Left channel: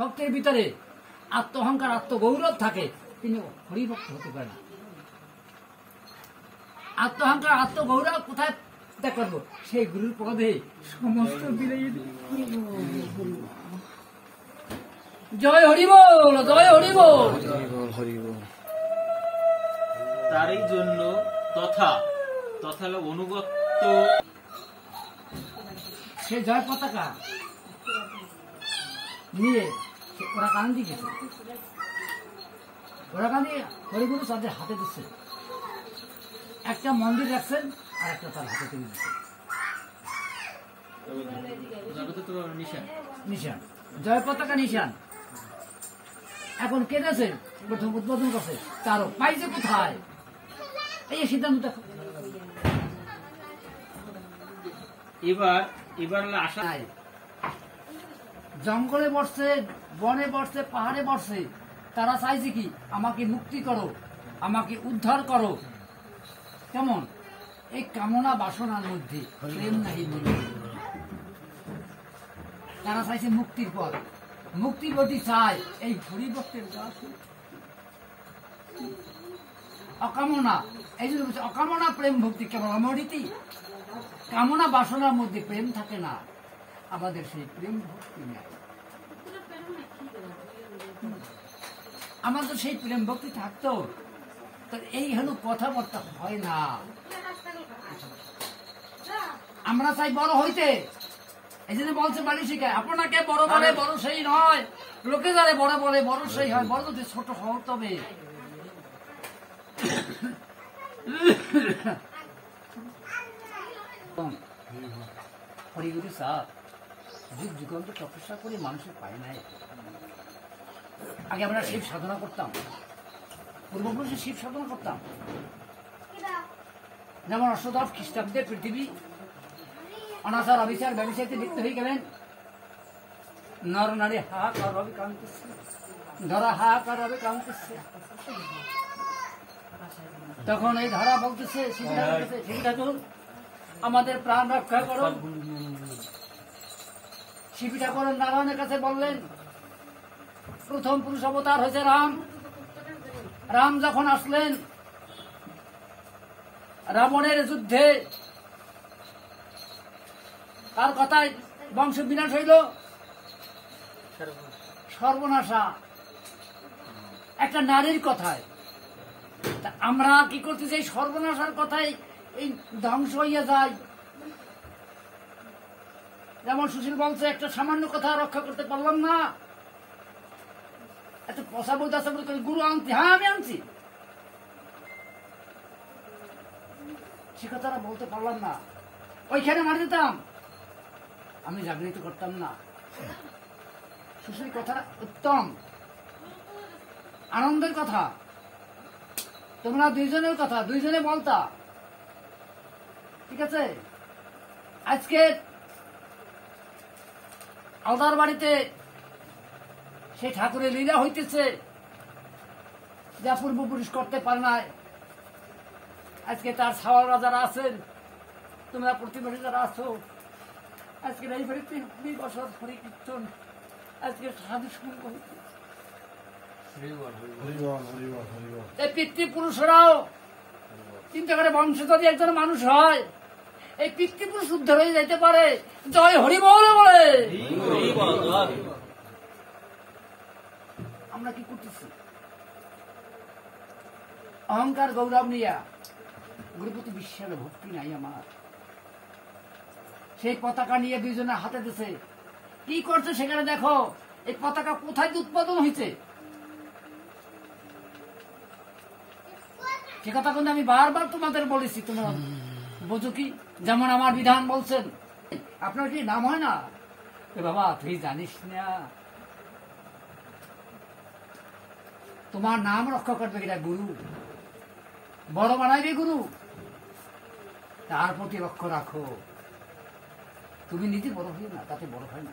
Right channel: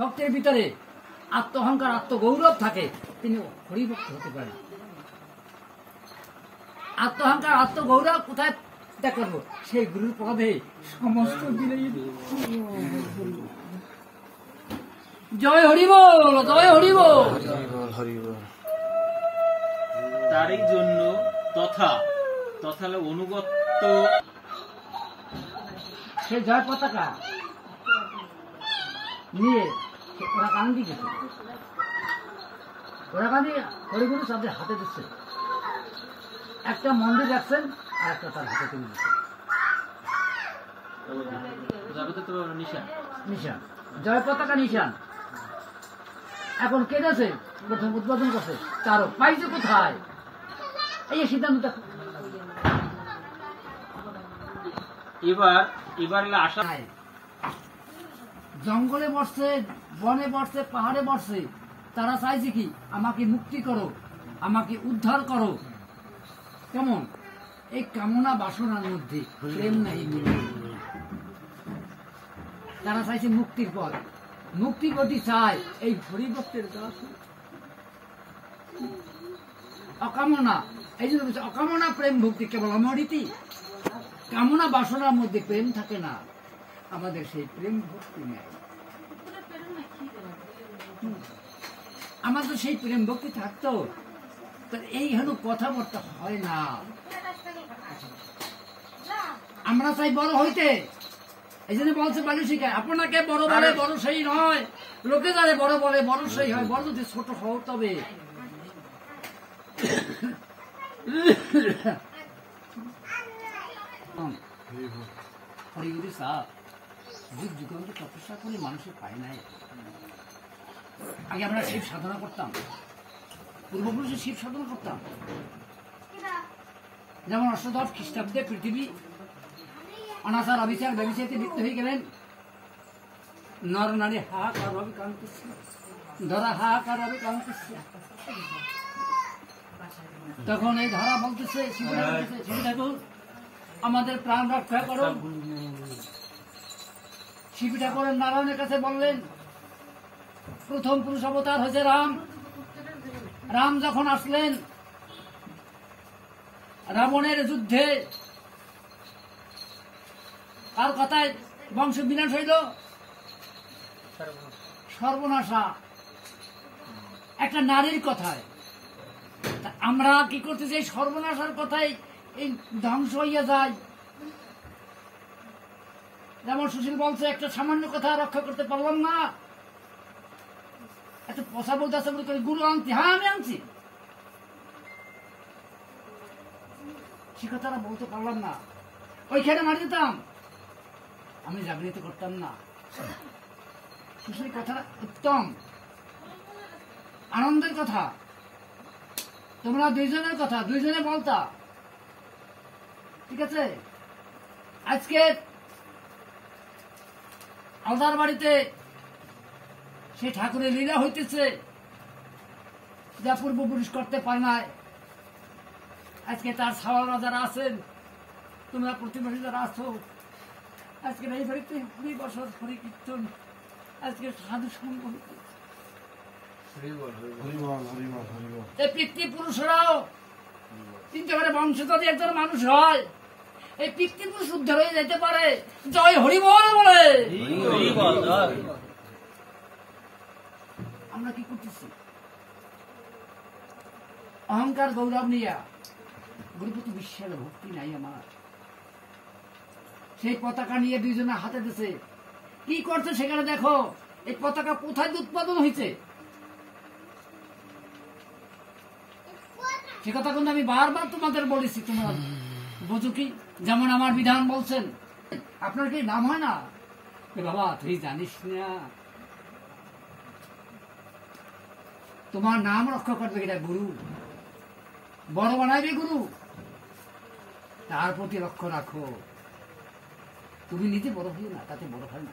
ভক্তের ভিতরে আত্মহংকার আত্মগৌরব থাকে, তিনি হরিভক্ত হতে পারেন। আত্মহংকার আত্মগৌরব কোথায় দেখাবো? সেই গুরুর পদে সমস্ত দিলে। জয় হরিবল, জয় হরিবল। তারই জন্য তথা অনুগত্য সে জয় পতাকা নিয়ে ওরা কান্দি গেছে, ওরা কান্দি হরিগুরু তাদের হাতে দিচ্ছে, একটা মন্দির রাখছেন আর একটা তার হাতে তুলে দিচ্ছে নিশান, জয় পতাকা নিশান। এখন কে গেছে প্রথম উদ্বোধন করছে, তারও পাইছে কোথায়? এই সিদ্ধান্ত এবার আশা জঙ্গলে বসছে, বনে বসছে, পাহাড়ে বসছে, তারা চাইছে কি আমাকে মুক্তি করো, আমাকে উদ্ধার করো। কেমন? এই কামনা বাসনার মধ্যে প্রেম নাই মিলে। তারা চাইছে মুক্তির পথ, মুক্তি যদি চায় এই হরিভক্তের অকামনা, এই জন্য বলছে অকামনা প্রেম ভক্তি কেবল অমৃতি। কামনা বাসনার মধ্যে প্রেম থাকে না, আমাদের সেই প্রেম ভক্তি নেই। আমাদের সেই প্রেম ভক্তি থাকতো, এই হলো কথাবার্তা হয় না। আমরা চাই বড় হইতে, এই জন্য বলছে বাড়ি শিখায় আপনাকে বড় বলে বড় সেই নয়, লোকে যারে বড় বলে বড় সেই হয়, বড় যদি ছোট হও তবে। হরিগুরু সাহেব যুগ যুগান্ত তপস্যা করে মানুষের পায় নাই। আগে আমরা শিব সাধনা করতাম, পূর্বপুরুষে শিব সাধনা করতাম। যেমন 810 খ্রিস্টাব্দে পৃথিবী অনাচার অবিচার ব্যবসায়ীতে লিপ্ত হয়ে গেলেন, নর নারী হাহাকার ভাবে কাঁদতেছে, ধরা হাহাকার ভাবে কাঁদতেছে। তখন এই ধারা বলতেছে শিব ঠাকুর আমাদের প্রাণ রক্ষা করো। শিব ঠাকুর নারায়ণের কাছে বললেন, প্রথম পুরুষ অবতার হয়েছে রাম। রাম যখন আসলেন, রাবণের যুদ্ধে তার কথায় বংশ বিনাশ হইল, সর্বনাশা একটা নারীর কথায়। আমরা কি করতে চাই? সর্বনাশার কথায় এই ধ্বংস হইয়া যায়। যেমন সুশীল বলছে, একটা সামান্য কথা রক্ষা করতে পারলাম না, একটা পশা বলতে আসা বলে গুরু আনছি, হ্যাঁ আমি আনছি, সে কথাটা বলতে পারলাম না, ওইখানে মার দিতাম, আমি জাগৃত করতাম না। সুশীল কথাটা উত্তম, আনন্দের কথা, তোমরা দুইজনের কথা দুইজনে বলতা, ঠিক আছে? আজকে আলদার বাড়িতে সেই ঠাকুরের লীলা হইতেছে, যা পূর্বপুরুষ করতে পারে নাই। আজকে তার ছাওয়াল রাজারা আছেন, তোমরা প্রতিবেশী যারা আছো, আজকে এই বাড়িতে 20 বছর হরি কীর্তন, আজকে সাধু সঙ্গ হইতে। এই পিতৃপুরুষরাও চিন্তা করে বংশ যদি একজন মানুষ হয়, এই পিতৃপুরুষ উদ্ধার হয়ে যেতে পারে। জয় হরিবল বলে আমরা কি করতেছি? অহংকার গৌরব নিয়া গুরুপতি বিশ্বাসে ভক্তি নাই আমার। সেই পতাকা নিয়ে দুইজনে হাতে দিছে, কি করছে সেখানে দেখো। এই পতাকা কোথায় উৎপাদন হয়েছে সে কথা কিন্তু আমি বারবার তোমাদের বলেছি, তোমরা বোঝো কি? যেমন আমার বিধান বলছেন, আপনার কি নাম হয় না? বাবা তুই জানিস না, তোমার নাম রক্ষা করবে এটা গুরু, বড় বানাইবে গুরু, তার প্রতি লক্ষ্য রাখো। তুমি নিজে বড় হইও না, তাতে বড় হয় না।